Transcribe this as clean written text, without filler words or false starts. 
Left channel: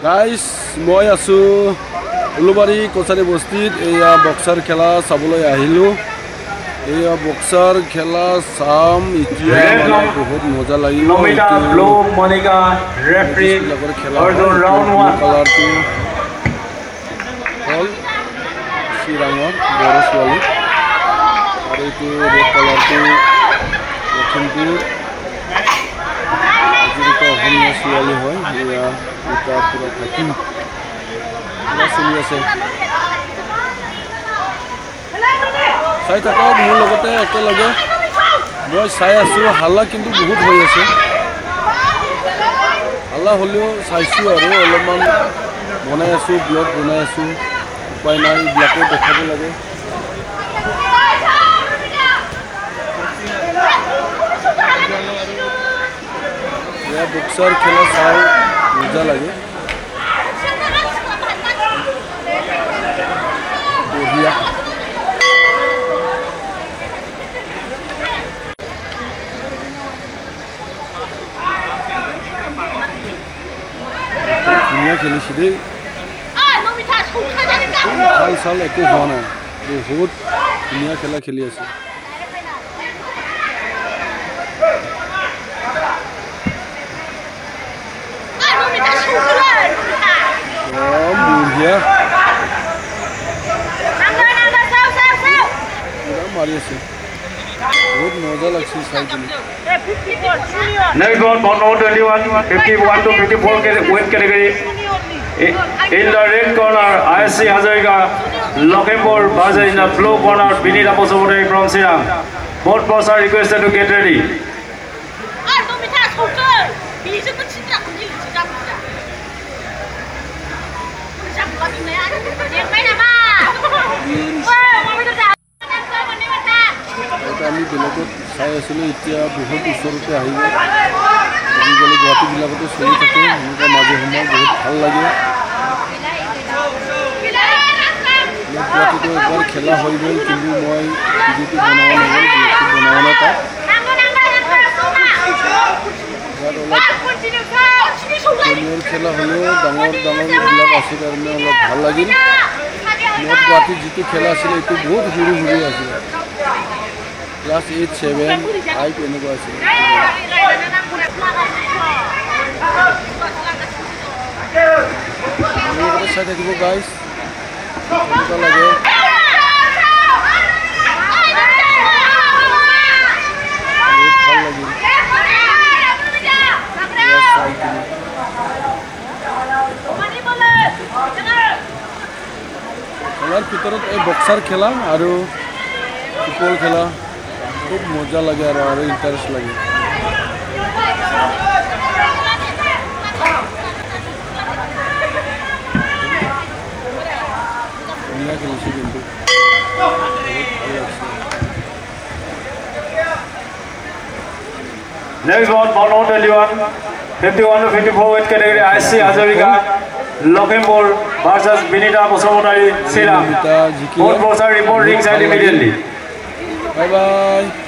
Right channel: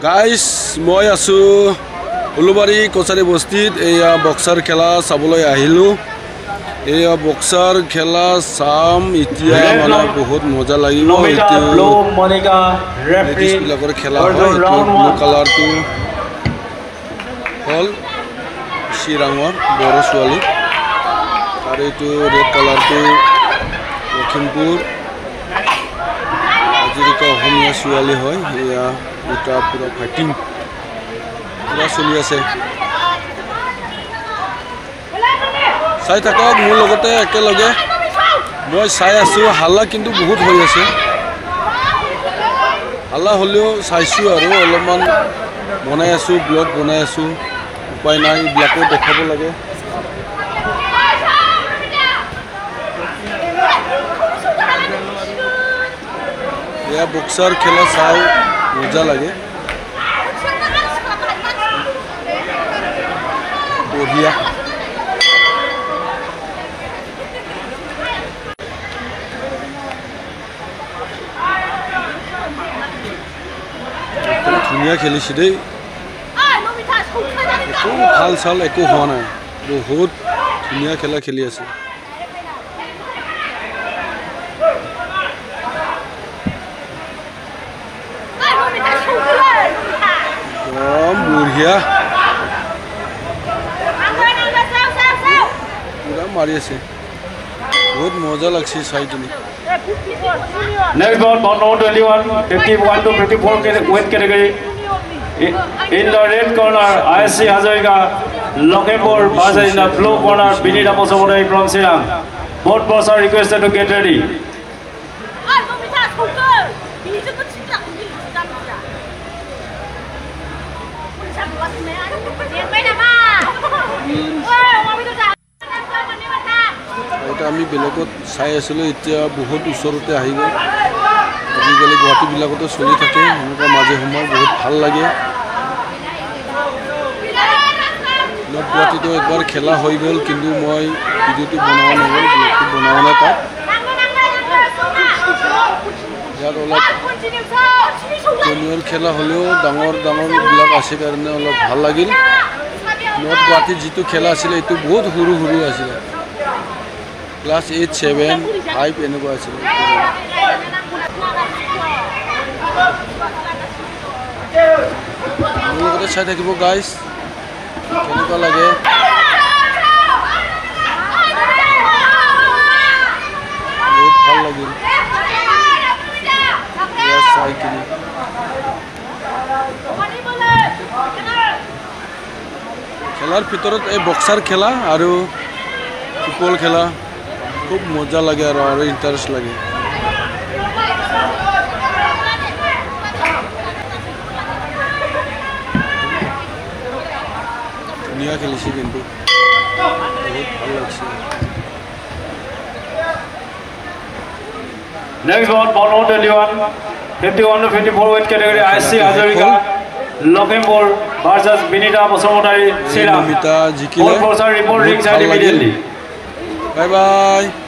Guys মই আছো উলুবাৰী কোচাৰী বস্তিত এয়া বক্সাৰ খেলা চাবলৈ আহিলো এয়া বক্সাৰ খেলা চাম এতিয়া মানে বহুত মজা লাগিব এইটো বিলাকৰ খেলা হয় এইটো ব্লু কালাৰটো হল শিৰাঙৰ বড়ো ছোৱালী আৰু এইটো ৰেড কালাৰটো লখিমপুৰ আজিকা অসমীয়া ছোৱালী হয় এয়া এটা পুৰা ফাইটিং পুৰা চলি আছে চাই থাকক মোৰ লগতে একেলগে মই চাই আছো হাল্লা কিন্তু বহুত হৈ আছে হাল্লা হ'লেও চাইছো আৰু অলপমান বনাই আছো ব্লগ বনাই আছো উপায় নাই এইবিলাকো দেখাব লাগে এয়া বক্সাৰ খেলা চাই মজা লাগে বঢ়িয়া ধুনীয়া খেলিছে দেই ভাল চাল একো হোৱা নাই বহুত ধুনীয়া খেলা খেলি আছে বঢ়িয়া পুৰা মাৰি আছে বহুত মজা লাগছে চাই কিনে Next one, 21, 51 to 54 weight category. In the red corner, ISC Hazarika, Lokempur versus in the blue corner, Binita Posomurai from Sirang. Both pros are requested to get ready. আমি বেলেগত চাই আছিলোঁ এতিয়া বহুত ওচৰতে আহি গ'ল আজিকালি গুৱাহাটীবিলাকতো চলি থাকে এনেকুৱা মাজে সময় বহুত ভাল লাগে গুৱাহাটীতো একবাৰ খেলা হৈ গ'ল কিন্তু মই ভিডিঅ'টো বনোৱা নহ'ল ব্লগটো বনোৱা নাই তাত ইয়াত অলপ জুনিয়ৰ খেলা হ'লেও ডাঙৰ ডাঙৰবিলাক আছে কাৰণে অলপ ভাল লাগিল নৰ্থ গুৱাহাটীত যিটো খেলা আছিলে এইটো বহুত সৰু সৰু আছিলে Class 8, 7, 5 এনেকুৱা আছিল মোৰ লগতে চাই থাকিব গাইজ কেনেকুৱা লাগে বহুত ভাল লাগিল চাই কিনি খেলাৰ ভিতৰত এই বক্সাৰ খেলা আৰু ফুটবল খেলা খুব মজা লাগে আৰু ইন্টারেস্ট লাগে ধুনীয়া খেলিছে কিন্তু বহুত ভাল লাগছে Next one, 21, 51 to 54 weight category, ISC Hazarika, Lokempur versus Binita Posomurai Sirang. Both pros are reporting ringside immediately. Bye bye.